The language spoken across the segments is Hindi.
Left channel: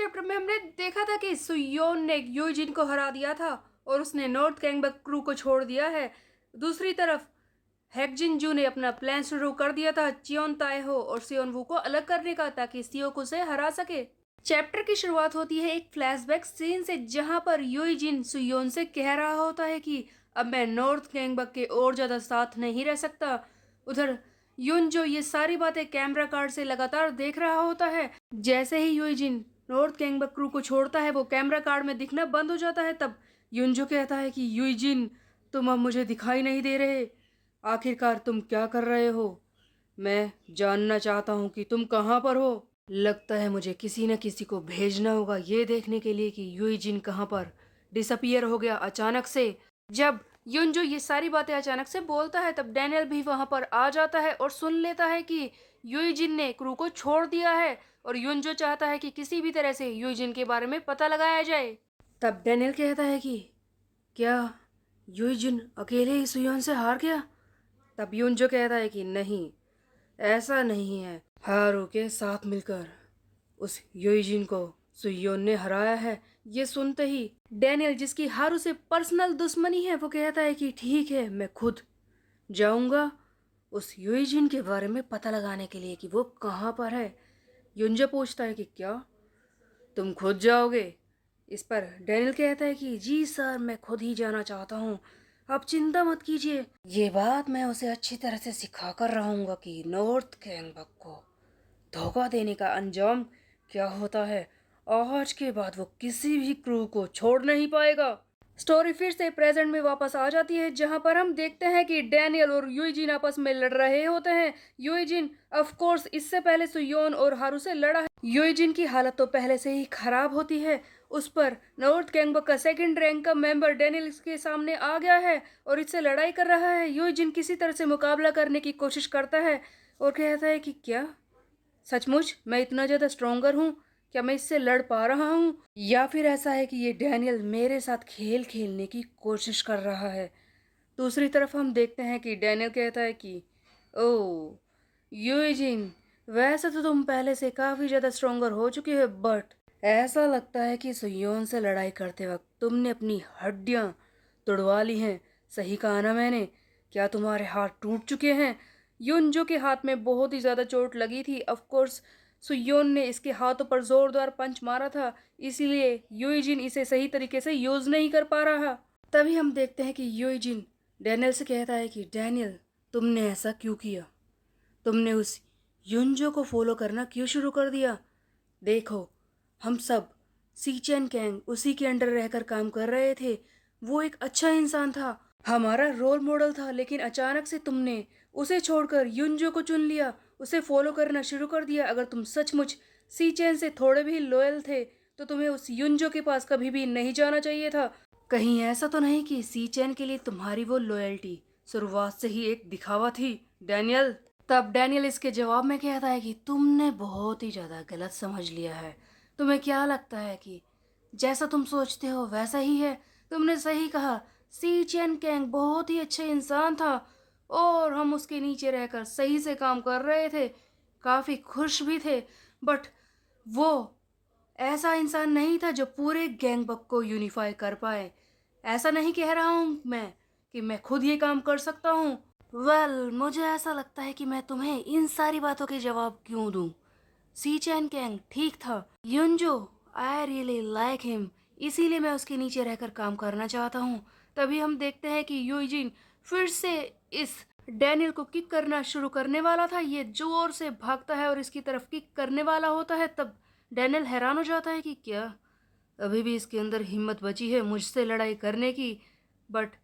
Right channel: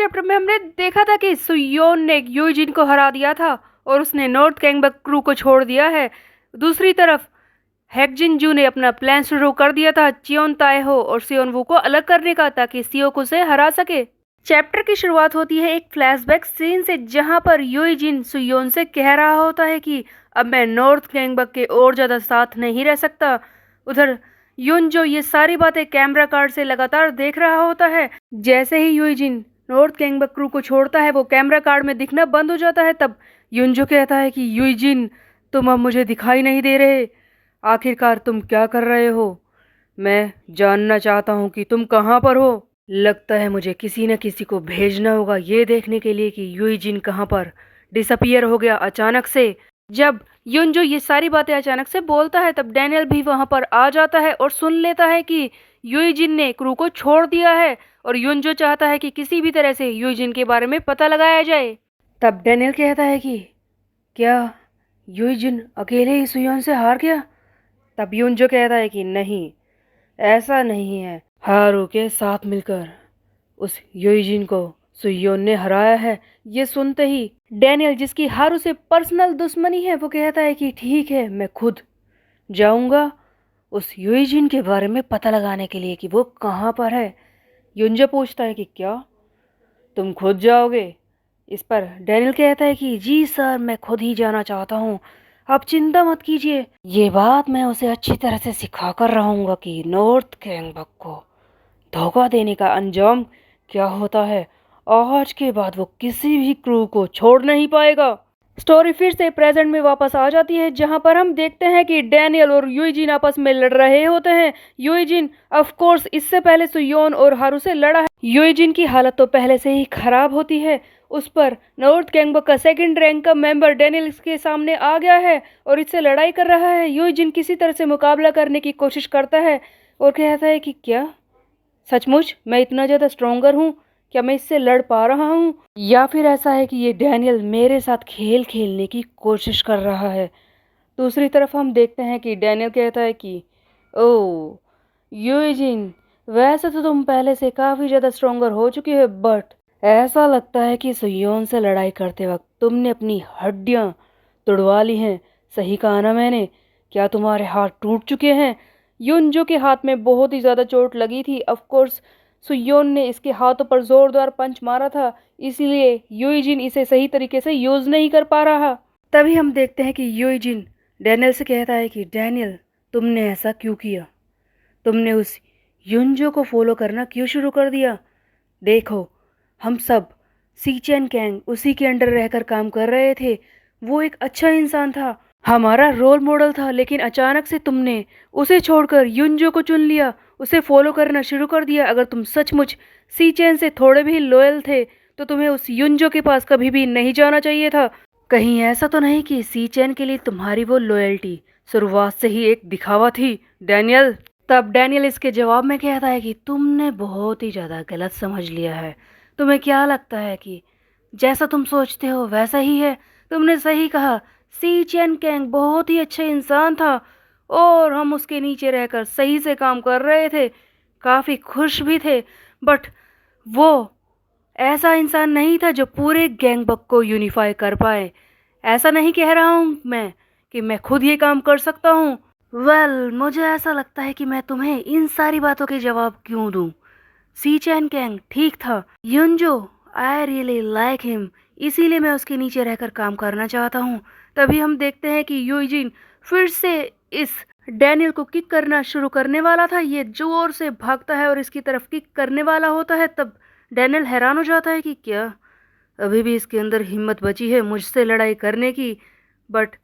चैप्टर में हमने देखा था कि सुयोन ने यूजिन को हरा दिया था और उसने नॉर्थ कैंगबक क्रू को छोड़ दिया है। दूसरी तरफ हैकजिन ने अपना प्लान शुरू कर दिया था चियोन ताएहो और सियोनवू को अलग करने का, ताकि सियोको से हरा सके। चैप्टर की शुरुआत होती है एक फ्लैशबैक सीन से, जहां पर यूजिन सुयोन से कह रहा होता है कि अब मैं नॉर्थ कैंगबक के और ज़्यादा साथ नहीं रह सकता। उधर युन जो ये सारी बातें कैमरा कार्ड से लगातार देख रहा होता है। जैसे ही यूजिन नॉर्थ कैंगबक क्रू को छोड़ता है, वो कैमरा कार्ड में दिखना बंद हो जाता है। तब युन जो कहता है कि यूजिन, तुम अब मुझे दिखाई नहीं दे रहे, आखिरकार तुम क्या कर रहे हो? मैं जानना चाहता हूँ कि तुम कहाँ पर हो। लगता है मुझे किसी न किसी को भेजना होगा ये देखने के लिए कि यूजिन कहाँ पर डिसअपियर हो गया अचानक से। जब युनजो ये सारी बातें अचानक से बोलता है, तब डैनियल भी वहां पर आ जाता है और सुन लेता है कि यूजिन ने क्रू को छोड़ दिया है और युनजो चाहता है कि किसी भी तरह से यूजिन के बारे में पता लगाया जाए। तब डैनियल कहता है कि क्या यूजिन अकेले ही सुयोन से हार गया? तब युनजो कहता है कि नहीं, ऐसा नहीं है, हारू के साथ मिलकर उस यूजिन को सुयोन ने हराया है। ये सुनते ही डैनियल, जिसकी हारू से पर्सनल दुश्मनी है, वो कहता है कि ठीक है, मैं खुद जाऊंगा उस यूजिन के बारे में पता लगाने के लिए कि वो कहाँ पर है। युंजो पूछता है कि क्या तुम खुद जाओगे? इस पर डैनियल कहता है कि जी सर, मैं खुद ही जाना चाहता हूँ, आप चिंता मत कीजिए, ये बात मैं उसे अच्छी तरह से सिखा कर रहूँगा कि नॉर्थ कैंगबक को धोखा देने का अंजाम क्या होता है। आज के बाद वो किसी भी क्रू को छोड़ नहीं पाएगा। स्टोरी फिर से प्रेजेंट में वापस आ जाती है, जहां पर हम देखते हैं कि डैनियल और यूजिन आपस में लड़ रहे होते हैं। यूजिन ऑफ कोर्स इससे पहले सुयोन और हारू से लड़ा है। यूजिन की हालत तो पहले से ही खराब होती है, उस पर नॉर्थ कैंगबक का सेकंड रैंक का मेंबर डैनियल के सामने आ गया है और इससे लड़ाई कर रहा है। यूजिन किसी तरह से मुकाबला करने की कोशिश करता है और कहता है कि क्या सचमुच मैं इतना ज़्यादा स्ट्रोंगर हूँ? क्या मैं इससे लड़ पा रहा हूँ, या फिर ऐसा है कि ये डैनियल मेरे साथ खेल खेलने की कोशिश कर रहा है? दूसरी तरफ हम देखते हैं कि डैनियल कहता है कि ओह यूजिन, वैसे तो तुम पहले से काफ़ी ज़्यादा स्ट्रोंगर हो चुकी हो, बट ऐसा लगता है कि सुयोन से लड़ाई करते वक्त तुमने अपनी हड्डियाँ तुड़वा ली हैं। सही कहा ना मैंने? क्या तुम्हारे हाथ टूट चुके हैं? युनजो के हाथ में बहुत ही ज़्यादा चोट लगी थी। ऑफ कोर्स सुयोन ने इसके हाथों पर जोरदार पंच मारा था, इसलिए यूजिन इसे सही तरीके से यूज़ नहीं कर पा रहा। तभी हम देखते हैं कि यूजिन डैनियल से कहता है कि डैनियल, तुमने ऐसा क्यों किया? तुमने उस युनजो को फॉलो करना क्यों शुरू कर दिया? देखो, हम सब सीचेन कैंग उसी के अंडर रहकर काम कर रहे थे। वो एक अच्छा इंसान था, हमारा रोल मॉडल था, लेकिन अचानक से तुमने उसे छोड़कर युनजो को चुन लिया, उसे फॉलो करना शुरू कर दिया। अगर तुम सचमुच सीचेन से थोड़े भी लॉयल थे तो तुम्हें उस युनजो के पास कभी भी नहीं जाना चाहिए था। कहीं ऐसा तो नहीं कि सीचेन के लिए तुम्हारी वो लॉयल्टी शुरुआत से ही एक दिखावा थी, डैनियल? तब डैनियल इसके जवाब में कहता है कि तुमने बहुत ही ज़्यादा गलत समझ लिया है। तुम्हें क्या लगता है कि जैसा तुम सोचते हो वैसा ही है? तुमने सही कहा, सी चेन कैंग बहुत ही अच्छा इंसान था और हम उसके नीचे रहकर सही से काम कर रहे थे, काफ़ी खुश भी थे, बट वो ऐसा इंसान नहीं था जो पूरे गैंगबक को यूनिफाई कर पाए। ऐसा नहीं कह रहा हूँ मैं कि मैं खुद ये काम कर सकता हूँ। मुझे ऐसा लगता है कि मैं तुम्हें इन सारी बातों के जवाब क्यों दूँ। सी चैन कैंग ठीक था, युनजो आई रियली लाइक हिम, इसीलिए मैं उसके नीचे रहकर काम करना चाहता हूँ। तभी हम देखते हैं कि यूजिन फिर से इस डैनियल को किक करना शुरू करने वाला था। ये जोर से भागता है और इसकी तरफ किक करने वाला होता है। तब डैनियल हैरान हो जाता है कि क्या अभी भी इसके अंदर हिम्मत बची है मुझसे लड़ाई करने की। बट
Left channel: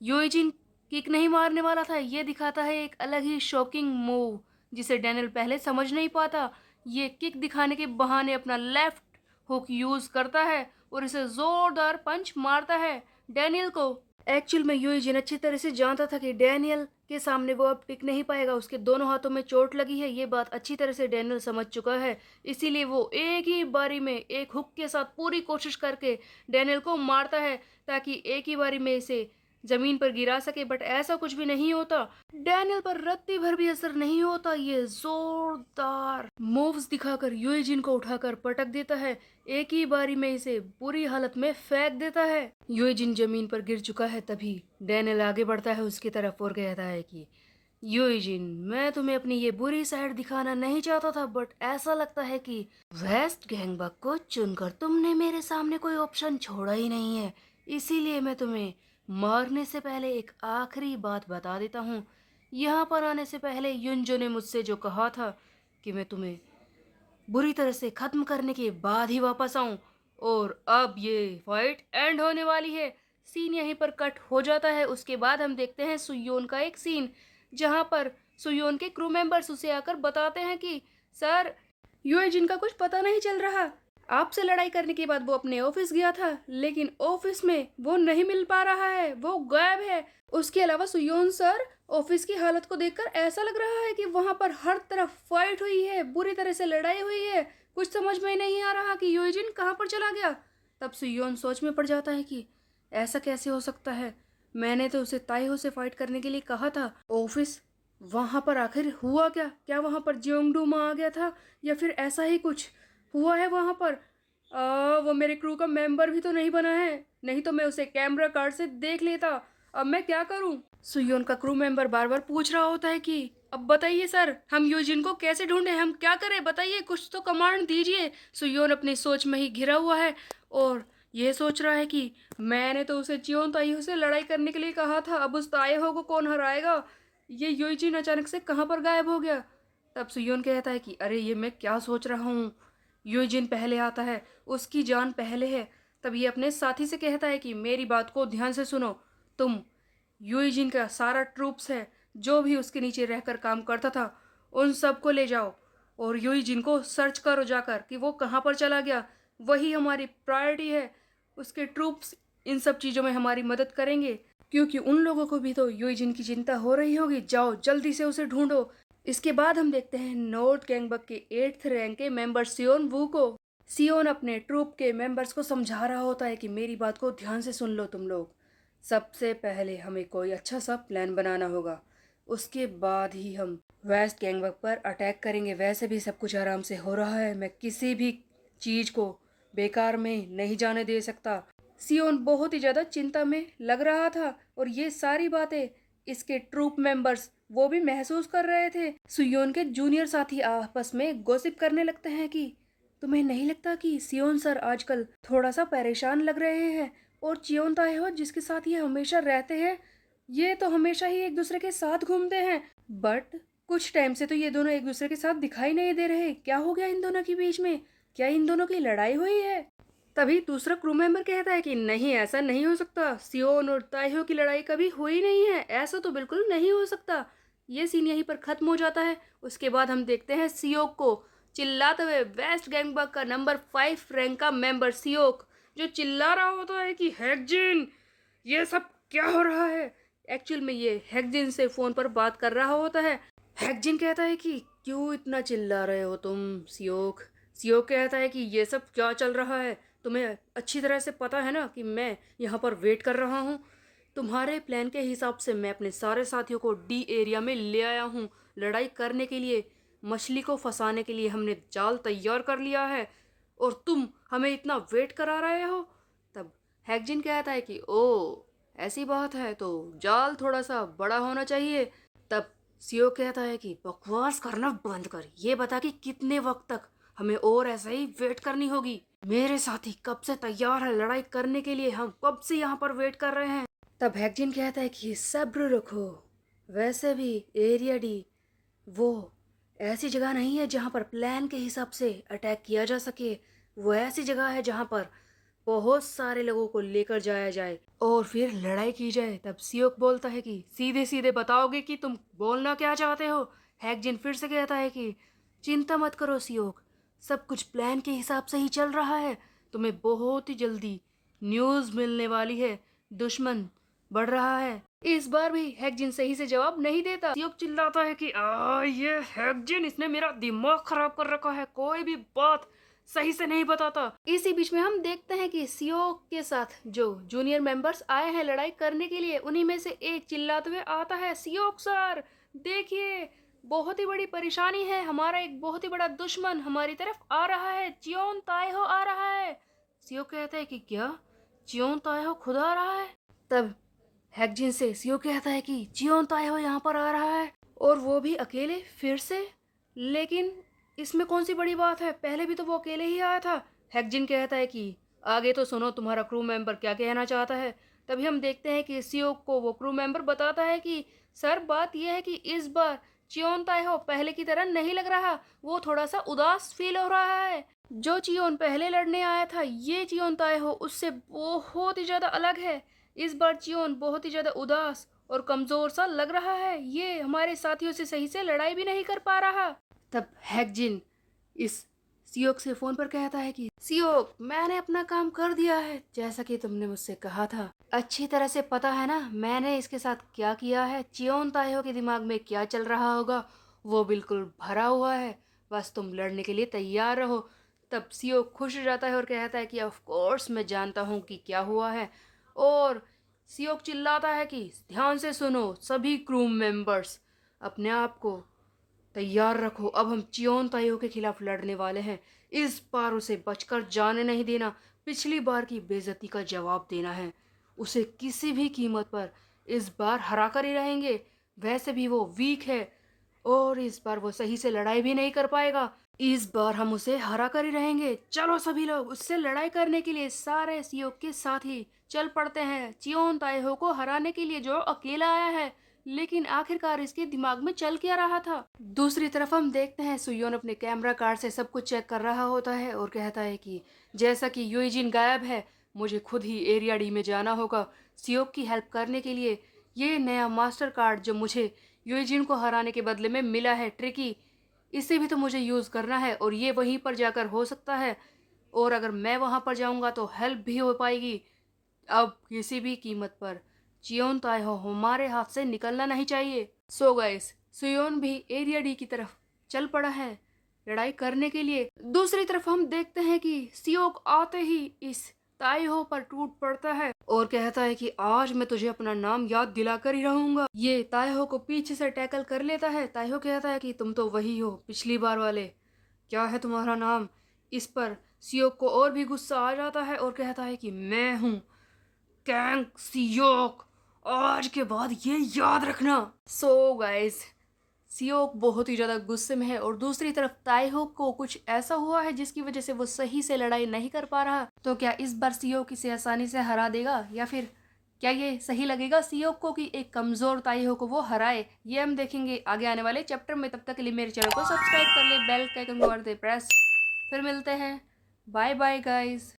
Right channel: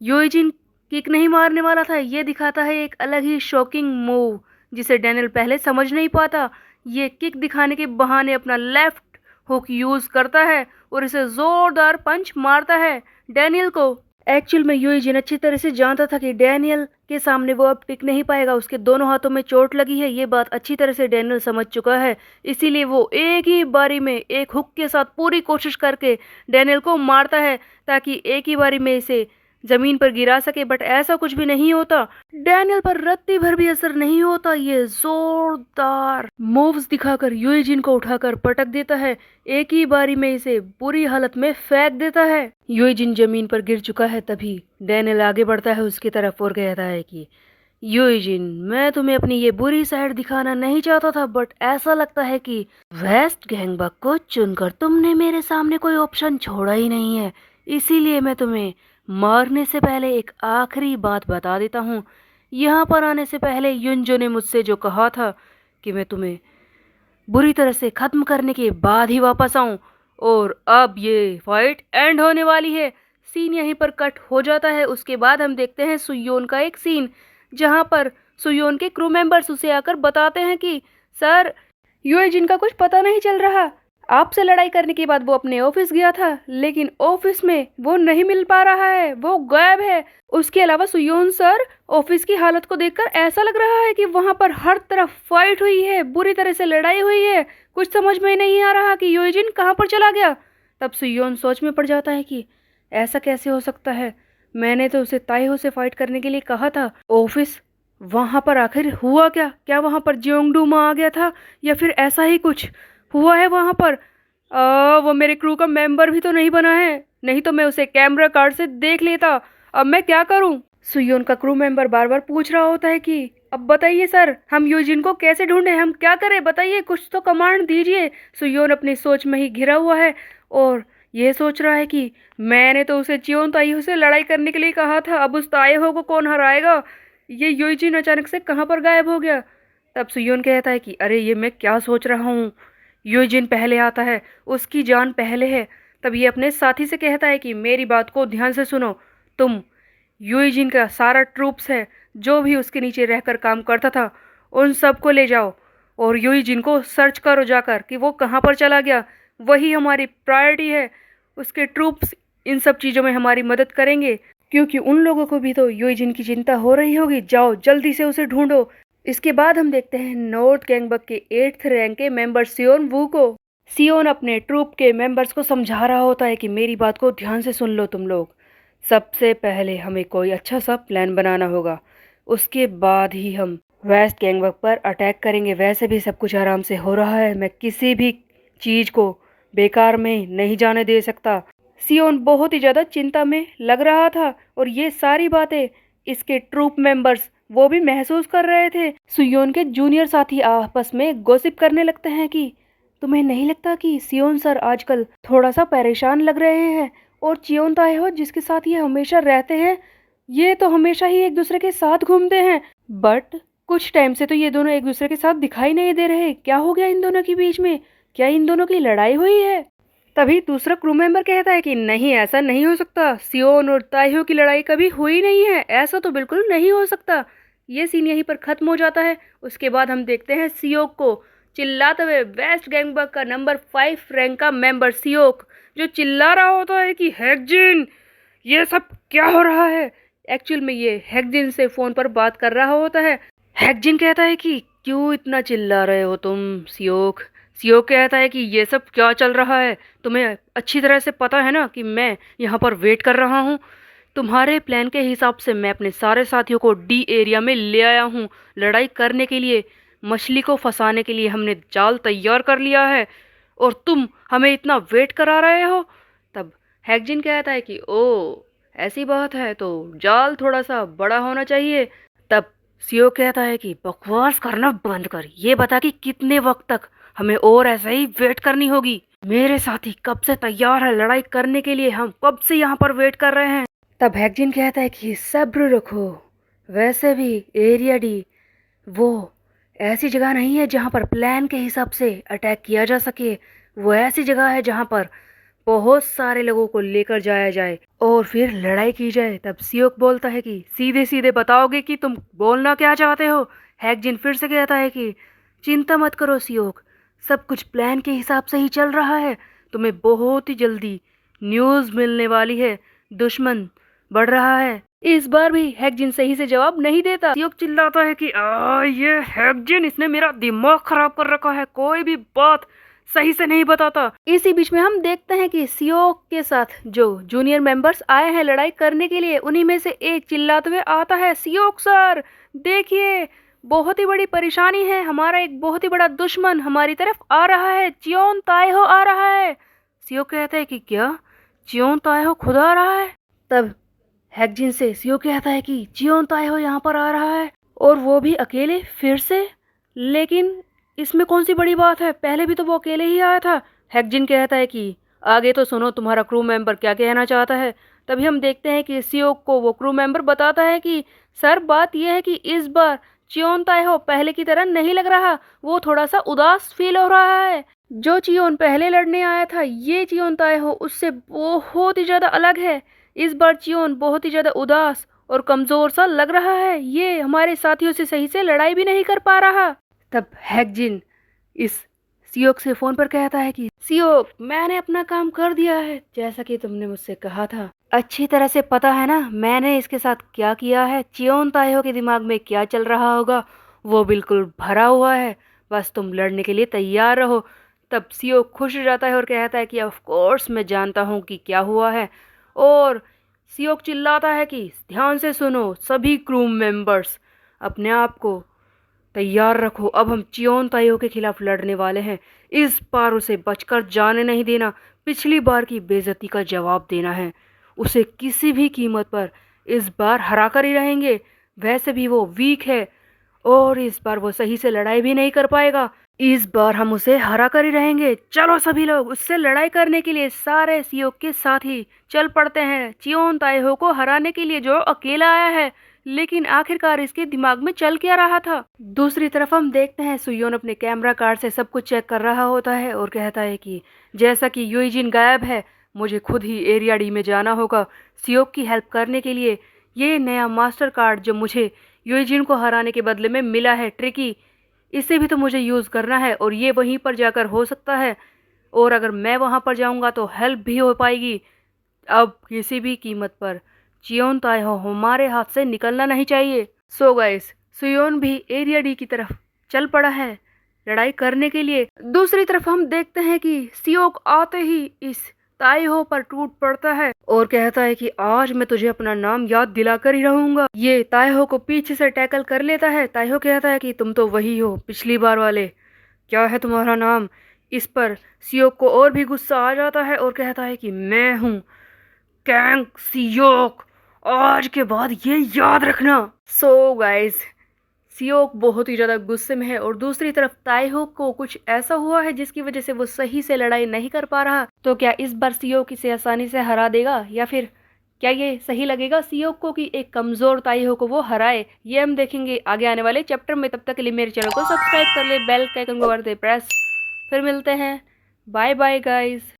यूजिन किक नहीं मारने वाला था। ये दिखाता है एक अलग ही शॉकिंग मूव जिसे डैनियल पहले समझ नहीं पाता। ये किक दिखाने के बहाने अपना लेफ्ट हुक यूज करता है और इसे जोरदार पंच मारता है डैनियल को। एक्चुअल में यूजिन अच्छी तरह से जानता था कि डैनियल के सामने वो अब टिक नहीं पाएगा, उसके दोनों हाथों में चोट लगी है। ये बात अच्छी तरह से डैनियल समझ चुका है, इसीलिए वो एक ही बारी में एक हुक के साथ पूरी कोशिश करके डैनियल को मारता है, ताकि एक ही बारी में इसे जमीन पर गिरा सके, बट ऐसा कुछ भी नहीं होता। डैनियल पर रत्ती भर भी असर नहीं होता। ये जोरदार मूव्स दिखाकर यूएजिन को उठाकर पटक देता है, एक ही बारी में इसे बुरी हालत में फेंक देता है। यूएजिन जमीन पर गिर चुका है। तभी डैनियल आगे बढ़ता है उसकी तरफ और कहता है कि यूजिन, मैं तुम्हें अपनी ये बुरी साइड दिखाना नहीं चाहता था, बट ऐसा लगता है कि वेस्ट गैंगबक को चुनकर तुमने मेरे सामने कोई ऑप्शन छोड़ा ही नहीं है। इसीलिए मैं तुम्हें मारने से पहले एक आखिरी बात बता देता हूँ। यहाँ पर आने से पहले युनजो ने मुझसे जो कहा था कि मैं तुम्हें बुरी तरह से ख़त्म करने के बाद ही वापस आऊँ, और अब ये फाइट एंड होने वाली है। सीन यहीं पर कट हो जाता है। उसके बाद हम देखते हैं सुयोन का एक सीन, जहां पर सुयोन के क्रू मेंबर्स उसे आकर बताते हैं कि सर, यूएजिन का कुछ पता नहीं चल रहा। आपसे लड़ाई करने के बाद वो अपने ऑफिस गया था, लेकिन ऑफिस में वो नहीं मिल पा रहा है, वो गायब है। उसके अलावा सुयोन सर, ऑफिस की हालत को देखकर ऐसा लग रहा है कि वहां पर हर तरफ फाइट हुई है, बुरी तरह से लड़ाई हुई है। कुछ समझ में नहीं आ रहा कि यूएजिन कहाँ पर चला गया। तब सुयोन सोच में पड़ जाता है कि ऐसा कैसे हो सकता है, मैंने तो उसे ताइहो से फाइट करने के लिए कहा था। ऑफिस, वहां पर आखिर हुआ क्या? क्या वहां पर जियोंगडूमा आ गया था, या फिर ऐसा ही कुछ हुआ है वहां पर? वो मेरे क्रू का मेंबर भी तो नहीं बना है, नहीं तो मैं उसे कैमरा कार्ड से देख लेता। अब मैं क्या करूं? सुयोन का क्रू मेंबर बार बार पूछ रहा होता है कि अब बताइए सर, हम यूजिन को कैसे ढूंढें, हम क्या करें, बताइए, कुछ तो कमांड दीजिए। सुयोन अपनी सोच में ही घिरा हुआ है और ये सोच रहा है कि मैंने तो उसे चियोन ताइहो से लड़ाई करने के लिए कहा था, अब उस ताइहो को कौन हराएगा? ये यूजिन अचानक से कहाँ पर गायब हो गया? तब सुयोन कहता है कि अरे ये मैं क्या सोच रहा हूँ, यूजिन पहले आता है, उसकी जान पहले है। तब ये अपने साथी से कहता है कि मेरी बात को ध्यान से सुनो, तुम यूजिन का सारा ट्रूप्स है जो भी उसके नीचे रहकर काम करता था, उन सबको ले जाओ और यूजिन को सर्च करो जाकर कि वो कहाँ पर चला गया। वही हमारी प्रायोरिटी है। उसके ट्रूप्स इन सब चीज़ों में हमारी मदद करेंगे, क्योंकि उन लोगों को भी तो यूजिन की चिंता हो रही होगी। जाओ जल्दी से उसे ढूंढो। इसके बाद हम देखते हैं नॉर्थ गैंगबक के 8th रैंक के मेंबर सियोन वू को। सियोन अपने ट्रूप के मेंबर्स को समझा रहा होता है कि मेरी बात को ध्यान से सुन लो तुम लोग। सबसे पहले हमें कोई अच्छा सा प्लान बनाना होगा, उसके बाद ही हम वेस्ट गैंगबक पर अटैक करेंगे। वैसे भी सब कुछ आराम से हो रहा है, मैं किसी भी चीज़ को बेकार में नहीं जाने दे सकता। सियोन बहुत ही ज़्यादा चिंता में लग रहा था और ये सारी बातें इसके ट्रूप मेंबर्स वो भी महसूस कर रहे थे। सियोन के जूनियर साथी आपस में गॉसिप करने लगते हैं कि तुम्हें नहीं लगता कि सियोन सर आजकल थोड़ा सा परेशान लग रहे हैं, और चियोन ताएहो जिसके साथ ये हमेशा रहते हैं, ये तो हमेशा ही एक दूसरे के साथ घूमते हैं, बट कुछ टाइम से तो ये दोनों एक दूसरे के साथ दिखाई नहीं दे रहे। क्या हो गया इन दोनों के बीच में? क्या इन दोनों की लड़ाई हुई है? तभी दूसरा क्रू मेंबर कहता है कि नहीं, ऐसा नहीं हो सकता, सियोन और ताइहो की लड़ाई कभी हुई नहीं है, ऐसा तो बिल्कुल नहीं हो सकता। ये सीन यहीं पर खत्म हो जाता है। उसके बाद हम देखते हैं सियोक को चिल्लाते हुए। वेस्ट गैंगबक का नंबर 5 रैंक का मेंबर सियोक जो चिल्ला रहा होता है कि हैकजिन, ये सब क्या हो रहा है? एक्चुअल में ये हैकजिन से फ़ोन पर बात कर रहा होता है। हैकजिन कहता है कि क्यों इतना चिल्ला रहे हो तुम सियोक? सियोक कहता है कि ये सब क्या चल रहा है, तुम्हें अच्छी तरह से पता है ना कि मैं यहाँ पर वेट कर रहा हूँ। तुम्हारे प्लान के हिसाब से मैं अपने सारे साथियों को डी एरिया में ले आया हूँ लड़ाई करने के लिए। मछली को फंसाने के लिए हमने जाल तैयार कर लिया है और तुम हमें इतना वेट करा रहे हो। तब हैकजिन कहता है कि ओ, ऐसी बात है तो जाल थोड़ा सा बड़ा होना चाहिए। तब सीओ कहता है कि बकवास करना बंद कर, ये बता कि कितने वक्त तक हमें और ऐसे ही वेट करनी होगी। मेरे साथी कब से तैयार है लड़ाई करने के लिए, हम कब से यहाँ पर वेट कर रहे हैं। तब हैकजिन कहता है कि सब्र रखो, वैसे भी एरिया डी वो ऐसी जगह नहीं है जहाँ पर प्लान के हिसाब से अटैक किया जा सके। वो ऐसी जगह है जहाँ पर बहुत सारे लोगों को लेकर जाया जाए और फिर लड़ाई की जाए। तब सियोक बोलता है कि सीधे सीधे बताओगे कि तुम बोलना क्या चाहते हो। हैकजिन फिर से कहता है कि चिंता मत करो सियोक, सब कुछ प्लान के हिसाब से ही चल रहा है। तुम्हें बहुत ही जल्दी न्यूज़ मिलने वाली है, दुश्मन बढ़ रहा है। इस बार भी हैकजिन सही से जवाब नहीं देता। सियोक चिल्लाता है कि ये हैकजिन, इसने मेरा दिमाग खराब कर रखा है, कोई भी बात सही से नहीं बताता। इसी बीच में हम देखते हैं कि सियोक के साथ जो जूनियर मेंबर्स आए हैं लड़ाई करने के लिए, उन्हीं में से एक चिल्लाते हुए आता है, सियोक सर देखिए, बहुत ही बड़ी परेशानी है, हमारा एक बहुत ही बड़ा दुश्मन हमारी तरफ आ रहा है, चियोन ताएहो आ रहा है। सियोक कहता है कि क्या, चियोन ताएहो खुद आ रहा है? तब हैकजिन से सियोक कहता है कि चियोन ताएहो यहाँ पर आ रहा है, और वो भी अकेले फिर से। लेकिन इसमें कौन सी बड़ी बात है, पहले भी तो वो अकेले ही आया था। हैकजिन कहता है कि आगे तो सुनो तुम्हारा क्रू मेंबर क्या कहना चाहता है। तभी हम देखते हैं कि सियोक को वो क्रू मेंबर बताता है कि सर बात यह है कि इस बार चियोन ताएहो पहले की तरह नहीं लग रहा, वो थोड़ा सा उदास फील हो रहा है। जो चियोन पहले लड़ने आया था, ये चियोन ताएहो उससे बहुत ही ज़्यादा अलग है। इस बार चियोन बहुत ही ज़्यादा उदास और कमज़ोर सा लग रहा है, ये हमारे साथियों से सही से लड़ाई भी नहीं कर पा रहा। तब हैकजिन इस सियोक से फोन पर कहता है कि सियोक, मैंने अपना काम कर दिया है जैसा कि तुमने मुझसे कहा था। अच्छी तरह से पता है ना मैंने इसके साथ क्या किया है, चियोन ताएहो के दिमाग में क्या चल रहा होगा, वो बिल्कुल भरा हुआ है, बस तुम लड़ने के लिए तैयार रहो। तब सियोक खुश हो जाता है और कहता है कि ऑफ कोर्स मैं जानता हूँ कि क्या हुआ है। और सियोक चिल्लाता है कि ध्यान से सुनो सभी क्रू मेंबर्स, अपने आप को तैयार रखो, अब हम चियोन ताइयो के खिलाफ लड़ने वाले हैं। इस बार उसे बचकर जाने नहीं देना, पिछली बार की बेइज्जती का जवाब देना है, उसे किसी भी कीमत पर इस बार हरा कर ही रहेंगे। वैसे भी वो वीक है और इस बार वो सही से लड़ाई भी नहीं कर पाएगा, इस बार हम उसे हरा कर ही रहेंगे। चलो सभी लोग उससे लड़ाई करने के लिए सारे सियोक के साथ ही चल पड़ते हैं चियोन ताएहो को हराने के लिए, जो अकेला आया है। लेकिन आखिरकार इसके दिमाग में चल क्या रहा था। दूसरी तरफ हम देखते हैं सुयोन अपने कैमरा कार्ड से सब कुछ चेक कर रहा होता है और कहता है कि जैसा कि यूइजिन गायब है, मुझे खुद ही एरिया डी में जाना होगा सियोक की हेल्प करने के लिए। ये नया मास्टर कार्ड जो मुझे यूइजिन को हराने के बदले में मिला है, ट्रिकी, इसे भी तो मुझे यूज़ करना है और ये वहीं पर जाकर हो सकता है, और अगर मैं वहाँ पर जाऊँगा तो हेल्प भी हो पाएगी। अब किसी भी कीमत पर चियोन ताएहो हमारे हाथ से निकलना नहीं चाहिए। सो गाइस, सुयोन भी एरिया डी की तरफ चल पड़ा है लड़ाई करने के लिए। दूसरी तरफ हम देखते हैं कि सियोक आते ही इस ताएहो पर टूट पड़ता है और कहता है कि आज मैं तुझे अपना नाम याद दिलाकर ही रहूंगा। ये ताएहो को पीछे से टैकल कर लेता है। ताएहो कहता है कि तुम तो वही हो पिछली बार वाले, क्या है तुम्हारा नाम? इस पर सियोक को और भी गुस्सा आ जाता है और कहता है कि मैं हूँ कैंग सियोक, आज के बाद ये याद रखना। सो गाइस, सियोक बहुत ही ज़्यादा गुस्से में है और दूसरी तरफ ताएहो को कुछ ऐसा हुआ है जिसकी वजह से वो सही से लड़ाई नहीं कर पा रहा। तो क्या इस बार सियोक इसे आसानी से हरा देगा या फिर क्या ये सही लगेगा सियोक को कि एक कमज़ोर ताएहो को वो हराए? ये हम देखेंगे आगे आने वाले चैप्टर में। तब तक के लिए मेरे चैनल को सब्सक्राइब कर ले, बेल के आइकन को कर दे प्रेस। फिर मिलते हैं, बाय बाय गाइस।